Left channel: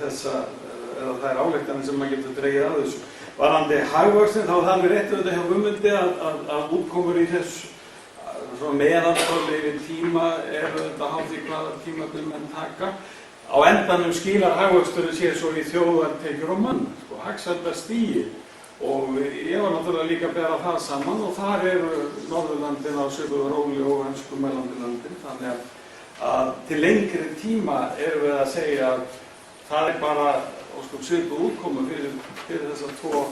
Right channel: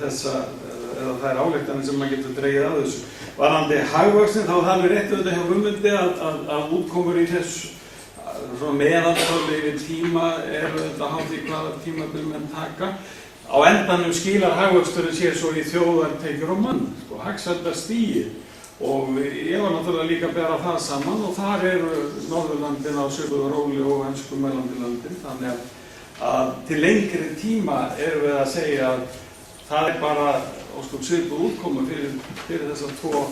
þessa, eða þær ályktanir sem maður getur dregið af þessu. Varðandi hagvöxtinn, þá það er rétt auðvitað hjá Guðmundi að útkomur í þessu meðaltölu yfir tíma auðvitað háð því hvaða tímabil menn taka. Á endanum skilar hagvöxturinn sér svo í þjóðartekjur og mann, hagsældarstigið. Og ég var náttúrulega líka að bera það saman og þar eru Norðurlandin á svipuðu róli og ensku mellandilöndin. Þannig að til lengri tíma erum við að segja að það er bara svipuð útkomu fyrir þessa tvo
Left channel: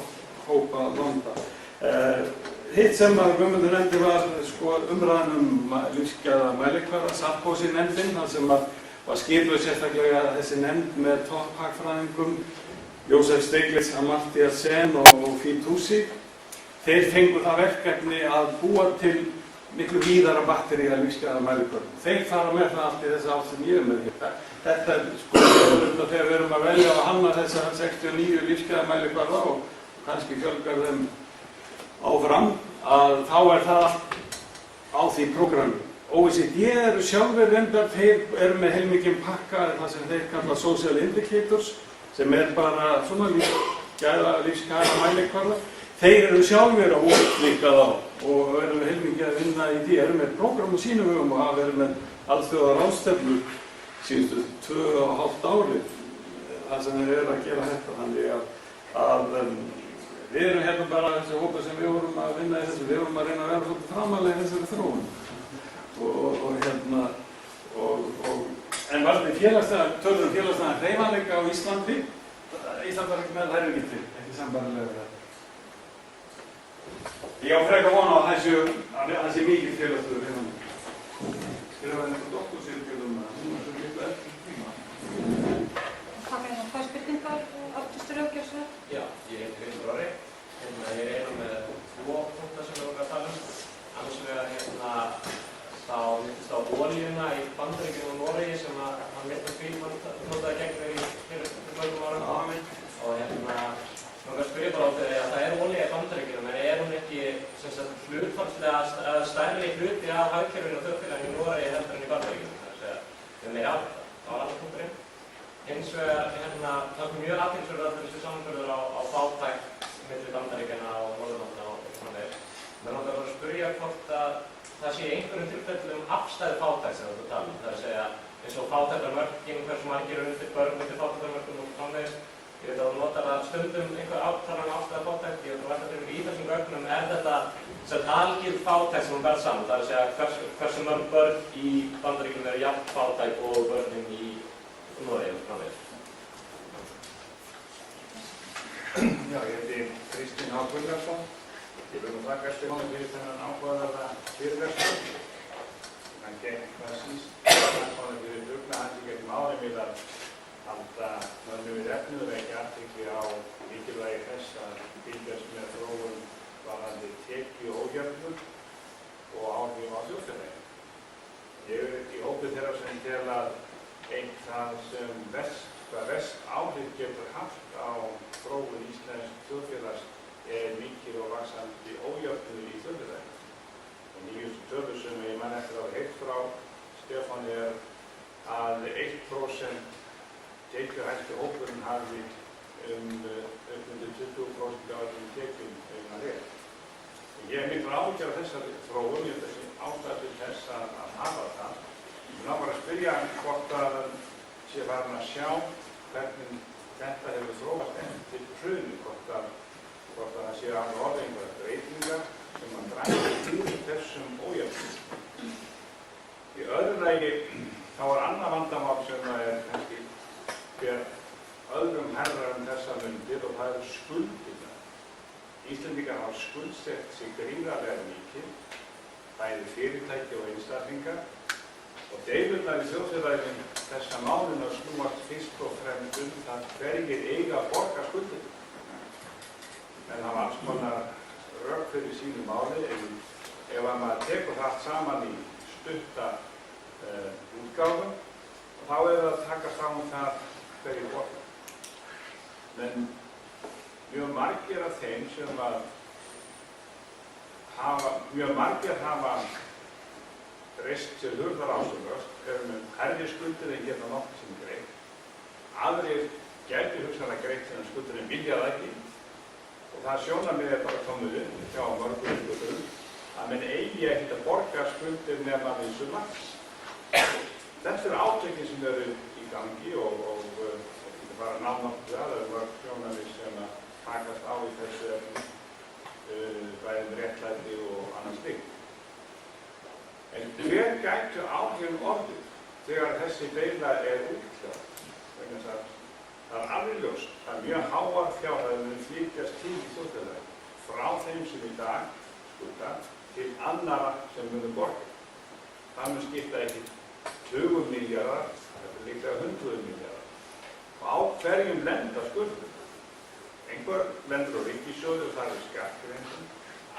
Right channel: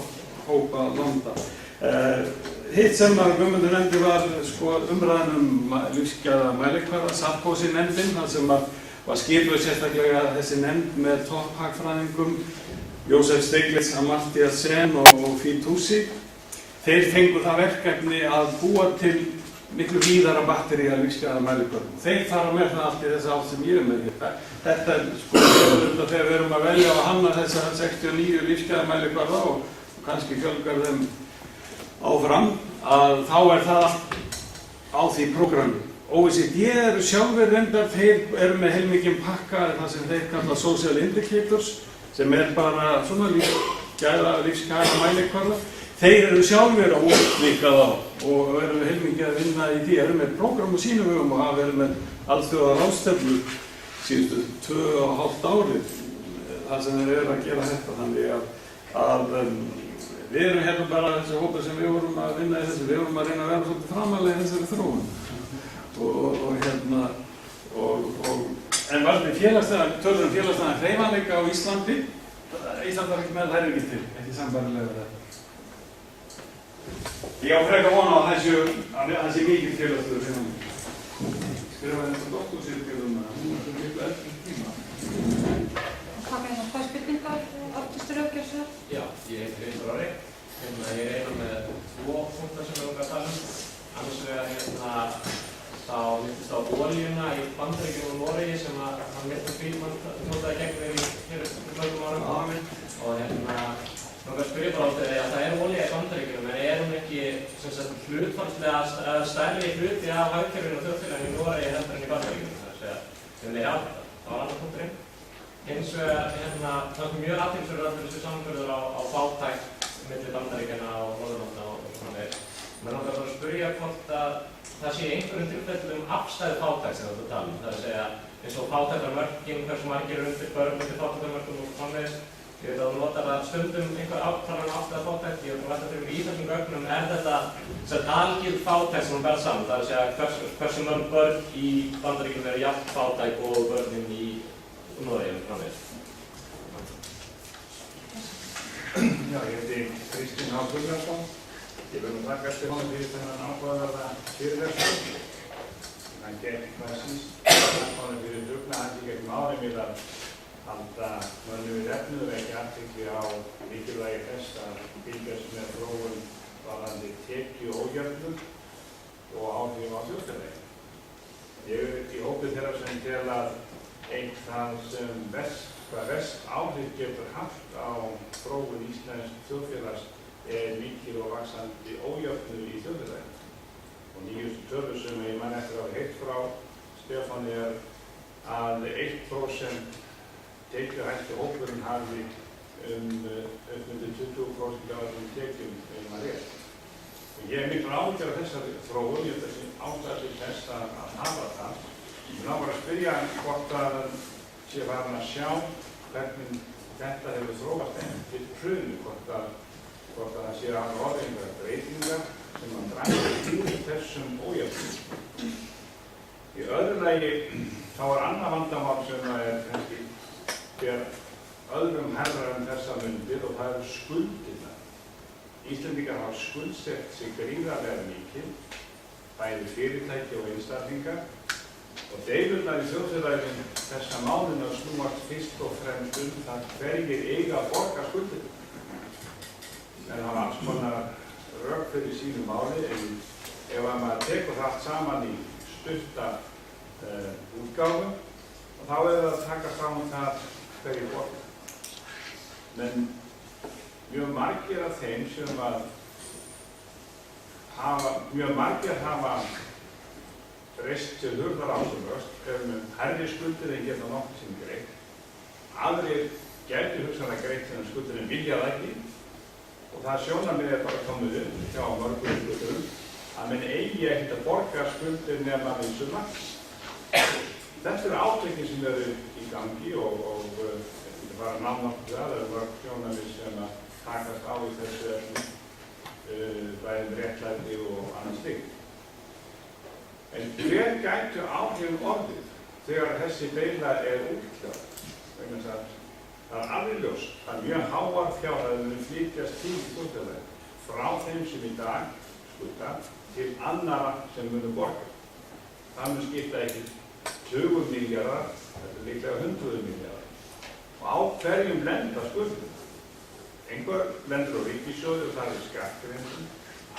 hópa landa. Hitt sem að Guðmundur nefndi var umræðan lífsgæða mælikvarða, Sarkozy-nefndin, þar sem var skipuð sérstaklega þessi nefnd með topphagfræðingum, Jósef Stiglitz, Amartya Sen og Fitoussi. Þeir fengu það verkefni að búa til miklu víðara batterí að lífsgæða mælikvarðum. Þeir fara með það allt í þessa átt sem ég er með hér. Þetta er þegar við erum að velja að hanna þessa 69 lífsgæða mælikvarða og kannski fjölgar þeim áfram, að þá er það á því prógrammi. OECD eru sjálfur reyndar, þeir eru með heilmikinn pakka, það sem þeir kalla social indicators, sem er bara svona lífsgæða mælikvarða. Þeir eru sjálfur að útlíka þá og eru heilmikið að vinna í því, eru með prógram á sínum vegum og hafa verið með alþjóðaráðstefnur síðustu 2,5 ári, þar sem þeir eru að gera þetta. Þannig að við erum hérna bara þessi hópa sem við vorum að vinna í þessu, við vorum að reyna að vera svolítið framalega í þessari þróun. En varðandi tölur félagslega hreyfanleika á Íslandi, Ísland var ekki með, það er ekki til, ekki sambærilega við þetta. Ég á frekar vona að það sé mikið félagslegur hreyfanleika. Skrifaði þetta doktorsritgerð hún var svo miklu eftir tíma. Hvað með það spurningar, Arnbjörn Röggjarsson? Já, ég heiti Vindur Orri. Ég er eina með 2 punktar sem við vorum að tala um. Annars vegar þá myndist á olíuna í Bandaríkjunum og Noregi sem að Milton Friedman notaði gegn þeir í fyrir mörgum árum. Og langar að spyrja bara á því að það er olía í Bandaríkjunum, en er hún ekki hlutfallslega stærri hluti af hagkerfinu og þjóðfélaginu í Noregi heldur en í Bandaríkjunum? Það er að segja, við meiri átt, það var annar punkturinn. Hins vegar, það kom mjög athyglisverður allur þessu samanburður á fátækt milli Bandaríkjanna og Norðurlanda og svona meir. Mér langar bara að spyrja hvort að það sé í einhverjum tilfellum afstæð fátækt sem þetta tala. Það er að segja, eins og fátæktarmörkin, hversu margir undir börn undir fátæktarmörkum og framvegis. Ég veit að þú notar það stundum einhver átalan afstæð fátækt. Ég veit að velta fyrir mig í þessum gögnum, er þetta algild fátækt sem hún ber saman? Það er að segja, hversu mörg börn í Bandaríkjunum eru jafn fátæk og börnin í Noregi og framvegis. Já, ég heiti Kristinn H. Gunnarsson. Ég vil þakka Stefáni fyrir þennan áhugaverða fyrirlestur. Hann gekk massís, Stefáni fyrir dugnaðandi gegnum árin við að halda mönnum við efnið og ekki athygli á mikilvægi þess að fylgjast með þróun varðandi tekjuójöfnuð og áhrif á þjóðfélagi. Ég er í hópi þeirra sem tel að einn það sem verst áhrif getur haft á þróun íslensks þjóðfélags er mikil og vaxandi ójöfnuður í þjóðfélaginu. Og nýjustu tölur sem ég man eftir að hafa heyrt frá Stefáni er að 1% tekjuhæsti hópurinn hafi upp undir 20% af öllum tekjum að rétt. Og ég er miklu áhyggjur af þessari þróun, ég held að sé ástæða til þess að hafa það. Ég langar að spyrja hvort að sé farin að sjá hvernig þetta hefur þróast til hruni, hvort að það sé að orða einhverja breytingar sem að draga úr þessum ójöfnum. Í öðru lagi þá er annað vandamál sem er kannski ber öðrum herrar en þessa mundir og það eru skuldirnar. Íslendingar hafa skuldsett sig gríðarlega mikið, bæði fyrirtæki og einstaklingar, og deilurnar í þjóðfélaginu þessa mánuðina snúast fyrst og fremst það hverjir eiga að borga skuldirnar. En það var alls konar rök fyrir sínu máli, en ef maður tekur það allt saman í stutta útgáfu, þá er það að taka saman það hverju borga. Men mjög margir af þeim sem hafa reist til hurðar ásumvöxt, með hærri skuldir en geta nokkuð sem greitt. Aðrir gæti hugsanlega greitt þennan skuldur en vilja það ekki. Og það sjónarmið bara komið upp hjá mörgum skuldurum að menn eigi ekkert að borga skuldir nema vissu marki. Þetta eru átökin sem eru í gangi og ekki bara náttúrulega það eru mörg sjónarmið sem að takast á í þessu efni, bæðið réttlæti og annað slíkt. En hver gætu áhrifin orðið þegar þessi deila útkljáð? Vegna þess að það alveg ljóst að mjög háar fjárhæðir munu flytjast til í þjóðfélaginu frá þeim sem í dag skulda til annarra sem munu borga. Það mun skipta ekki tugum milljarðar, þetta er líklega hundruðum milljarðar. Og á hverjum lenda skuldum? Einhver lendur á ríkissjóði og það er skattgreiðslum.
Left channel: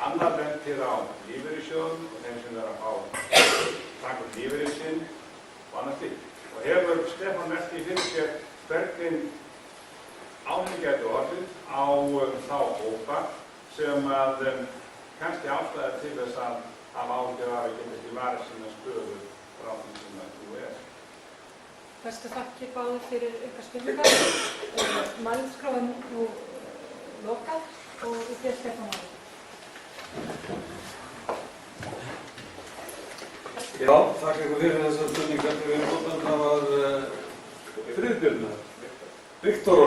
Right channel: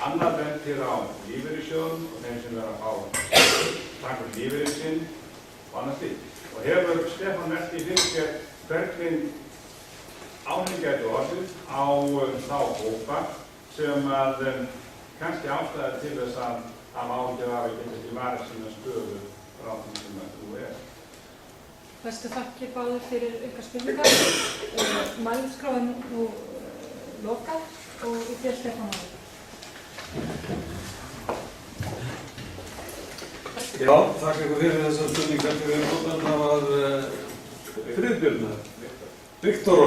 Annar lendir á lífeyrissjóðum og þeim sem að fá taka lífeyri sinn og annað slíkt. Og hefur Stefán velt í fyrir sér hvernig áhrif gætu orðið á þá hópa sem að kannski ástæða til þess að hafa áhyggjur af að geta ekki varið sína stöðu frá því sem að þú er. Bestu þakkir báðir fyrir ykkar spurningar. Mælskráin nú lokað og ég byrja Stefán á því. Já, þakka ykkur fyrir þessar spurningar til við notan. Það var Friðbjörn, Viktor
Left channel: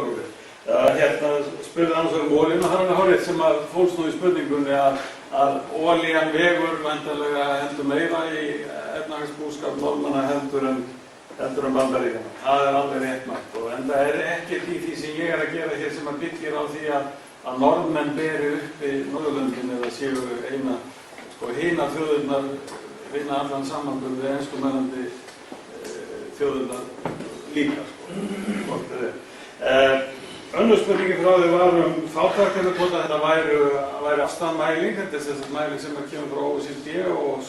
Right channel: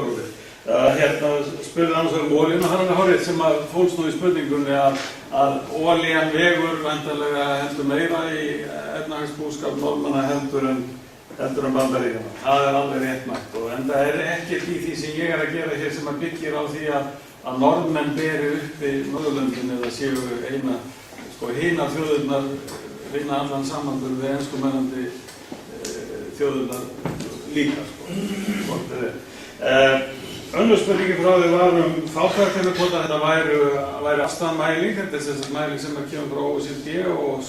Óli. Hérna spurði annars olíuna, það er alveg hárið sem að fólst nú í spurningunni að olían vegur væntanlega heldur meira í efnahagsbúskap Norðmanna heldur en Bandaríkjanna. Það er alveg réttmætt og en það er ekkert í því sem ég er að gera hér sem að byggir á því að Norðmenn beri uppi Norðurlöndin eða séu hina þjóðurnar vinna allan samanburð við enskumælandi þjóðurnar líka, hvort er. Önnur spurningi frá því var fátæktina, hvort að þetta væri afstæðamæling, þetta er þess mæling sem kemur frá OECD og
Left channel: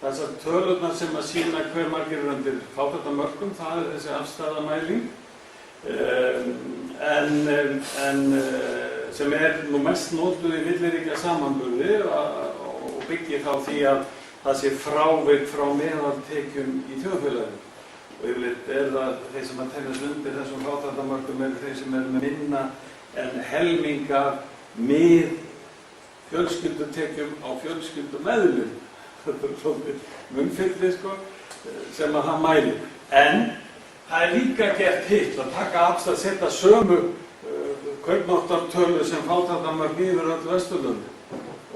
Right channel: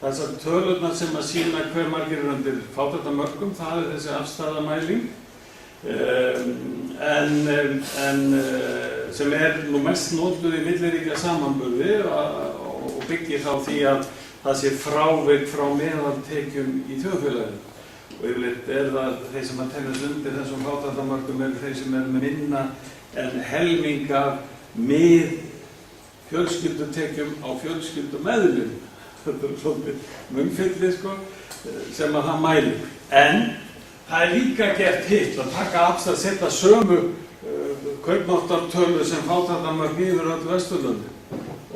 þessar tölurnar sem að sýna hver margir eru undir fátæktamörkum, það er þessi afstæðamæling. En sem er nú mest notuð í milliríkja samanburði og byggir þá því að það sé frávik frá meðaltekjum í þjóðfélaginu. Og yfirleitt er það þeir sem að teljast undir þessum fátæktamörkum eru þeir sem eru með minna en helming af fjölskyldutekjum á fjölskyldumeðlim. Þetta er svolítið munnfylli sem að það mælir. En það er líka gert hitt að taka afstæð, setja sömu kaupmáttartölu sem fátæktamörk yfir öll Vesturlöndin.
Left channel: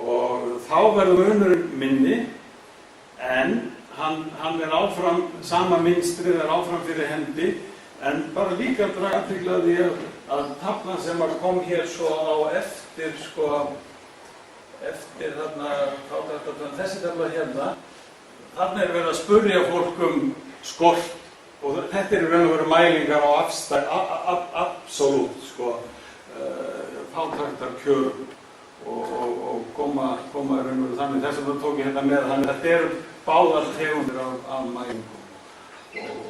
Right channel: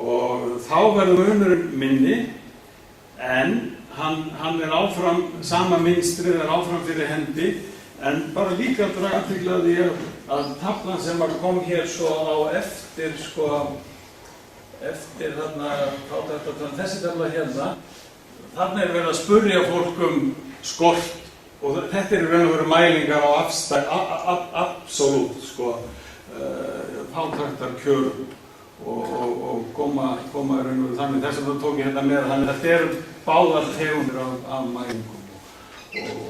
Og þá verður munurinn minni en hann er áfram, sama mynstrið er áfram fyrir hendi, en bara líka að draga athygli að því að taflan sem kom hér svo á eftir þarna fátæktartölu, þessi tafla hérna, þarna er verið að spurja fólk skort og þetta er raun og veru mælingar á absolút fátæktarkjörum og koma raun og veru þannig þess að það tók ég hérna með þannig að þetta eru báðar tegundir af mælingum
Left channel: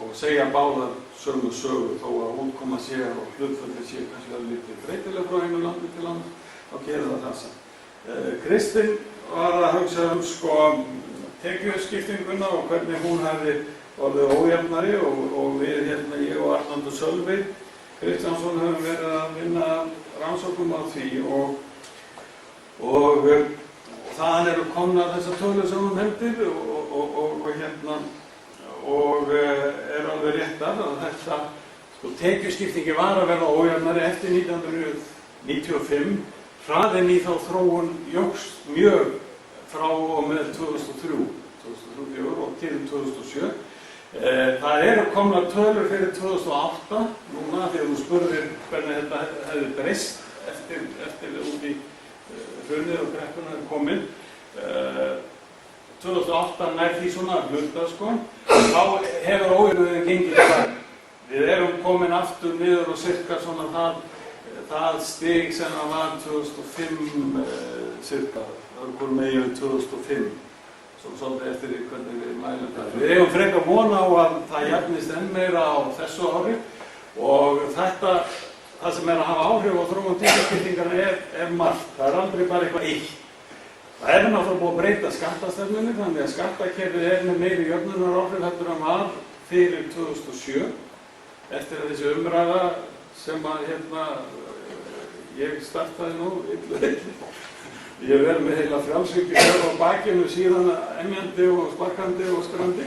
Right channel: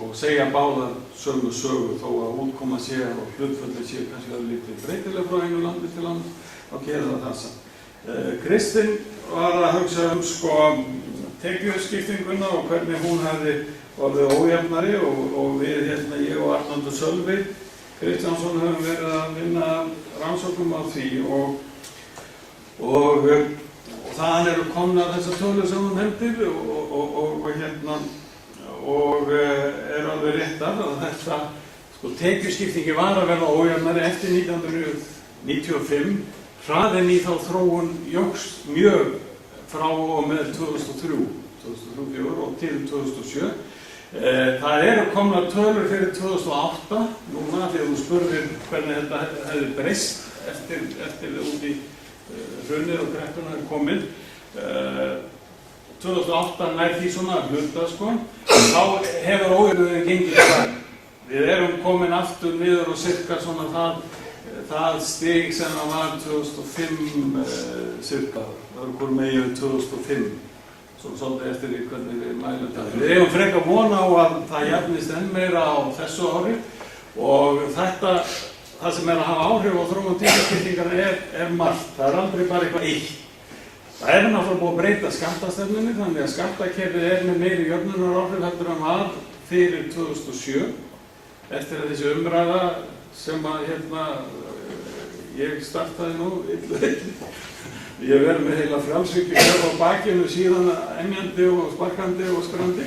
og segja báðar sömu sögu þó að útkoma sé og hlutföllin sé kannski að lítið breytilega frá einu landi til annars og gera það þar saman. Kristinn var að hugsa tekjuskiptinguna og hvernig hún hefði orðið ójafnari og við hérna, ég og Arnaldur Sölvi Kristjánsson höfum verið að vinna rannsóknum á því og þaðan eru komnar þessar tölur sem hún nefndir og eru alveg réttar að þetta tekjuskiptingi var að verða ójafnari eftir 1995. Hraðinn í þá þróun jókst mjög frá og með 2003 og til 2007. Það eru komnar tölur fyrir 2008 núna því að þú spurðir hvernig þetta hefði breyst eftir út í hrunið og kreppuna er komin. 2008 nær því svona hluta þá hefur ójöfnuðin gengið það. Við erum komin aftur niður og cirka svona það stig sem það var 2005 cirka. Það var komið með yfir 2005. Svo svolítið eftir því hvernig við mælum það. Við eigum frekar vona á að það jafnist enn meira á þessu ári og það sem er að hafa áhrif á þróun tekjuskiptingar er margt. Það er aldrei bara eitthvað eitt. Það er náttúrulega búið að breyta skattastefnunni þannig að skattakerfið er með meiri jöfnunaráhrif heldur en var fyrir 2007 eftir að þessi umræða sem að ég startaði nú illu. Ég hef verið með heila frjálshyggju hér á bakinu síðan emjandi og sparkandi og skrandi.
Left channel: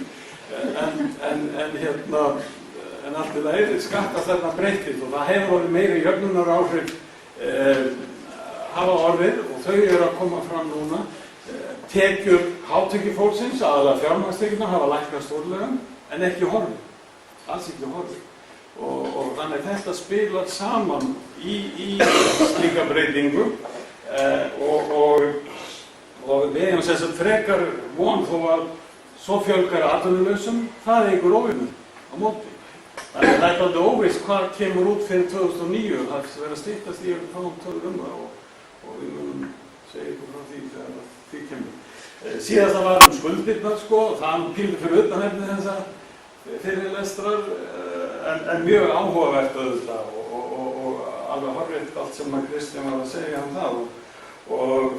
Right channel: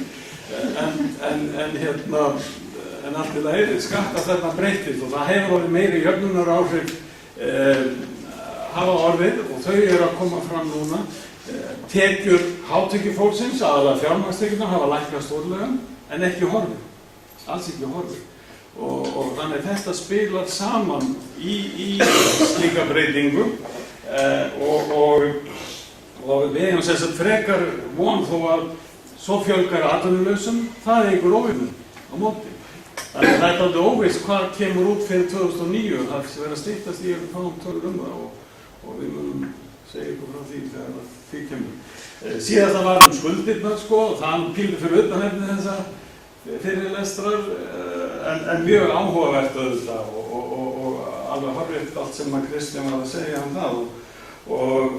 En allt í lagi skattastefna breyttist og það hefur orðið meiri jöfnunaráhrif hafa orðið og þau eru að koma fram núna. Tekjur hátekjufólksins, aðalega fjármagnstekjurnar, hafa lækkað stórlega en ekki horfið, alls ekki horfið. Og þannig að þetta spilar saman í slíka breytingu og við hefum sem sagt frekar von þó að svo fjölgar atvinnulausum, það er einhver óvinur á móti. Þannig að það er aldrei óvíst hvað kemur út fyrir 2009, það verður að styttast í fáum tölur það og við munum segja ykkur frá því þegar því kemur. Síðast það var skuldirnar og það píldi fyrir utanefni þessa fyrirlestrar en mjög áhugavert auðvitað og alveg horrið allt sem að Kristján var að segja það og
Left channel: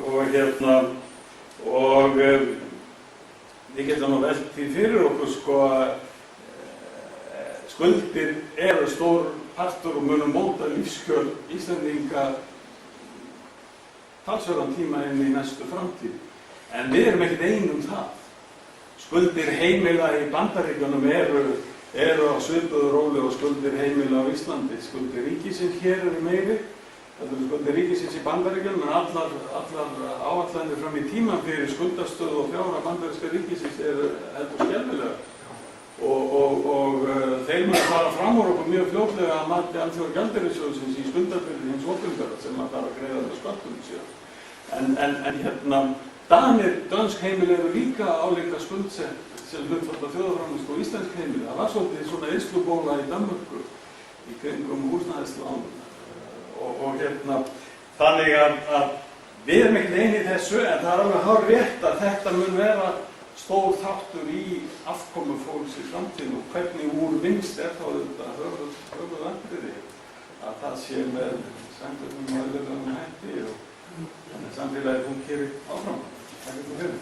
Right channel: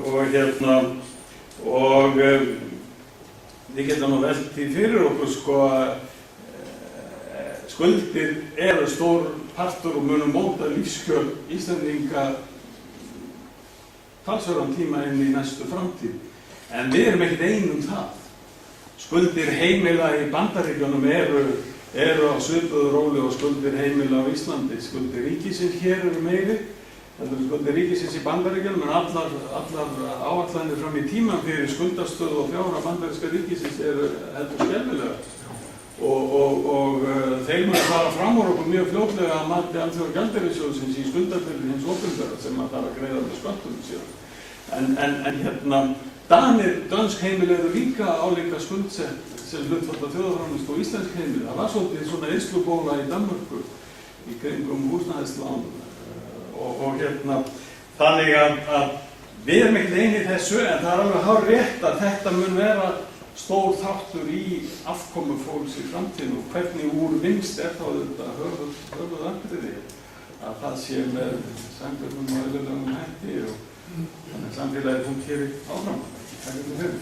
við getum nú velt því fyrir okkur skuldir eru stór partur og munum móta lífskjör Íslendinga talsverðan tíma inn í næstu framtíð. En við erum ekkert ein það. Skuldir heimila í Bandaríkjunum eru á svipuðu róli og skuldir heimila á Íslandi. Skuldir ríkisins hér eru meiri, þetta eru skuldir ríkisins í Bandaríkjunum, en allar áætlanir fram í tímann fyrir skuldastöðu og fjárhag bandaríska ríkisins eru heldur skelfilegar. Og þeir munu fara fram úr okkur mjög fljótlega að mati Alþjóðagjaldeyrissjóðsins í skuldabyrði hins opinbera sem að fara að greiða með sköttum síðan. En dönsk heimili eru líka álíka skuldsett sem hlutfall af þjóðarframleiðslu og íslensk heimili. Það var svolítið svona eyðslubóla í Danmörku í kringum húsnæðislán þannig að við erum ekkert eini í þessu en það er alveg hárrétt að þetta mun vera stór þáttur í afkomu fólks í framtíðinu og hvernig úr vinnst þá þetta höfuðatriði að það sé með samfélagum og eðlilegum hætti og þannig að samfélagið fúnkeri áfram. Takk fyrir.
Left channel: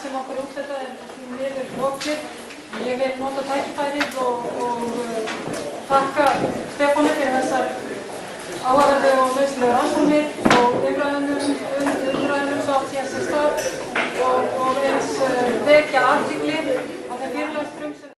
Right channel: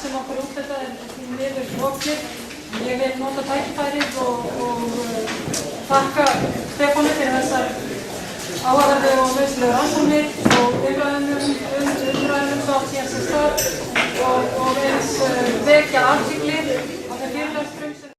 Sem okkur útfætta því miður lokið. Ég vil nota tækifærið og þakka Stefáni fyrir þessar áhugaverðu og nauðsynlegu rannsóknir og umræðum svo átt hér sem stað og eins vekja athygli á þeim fyrirlestrum sem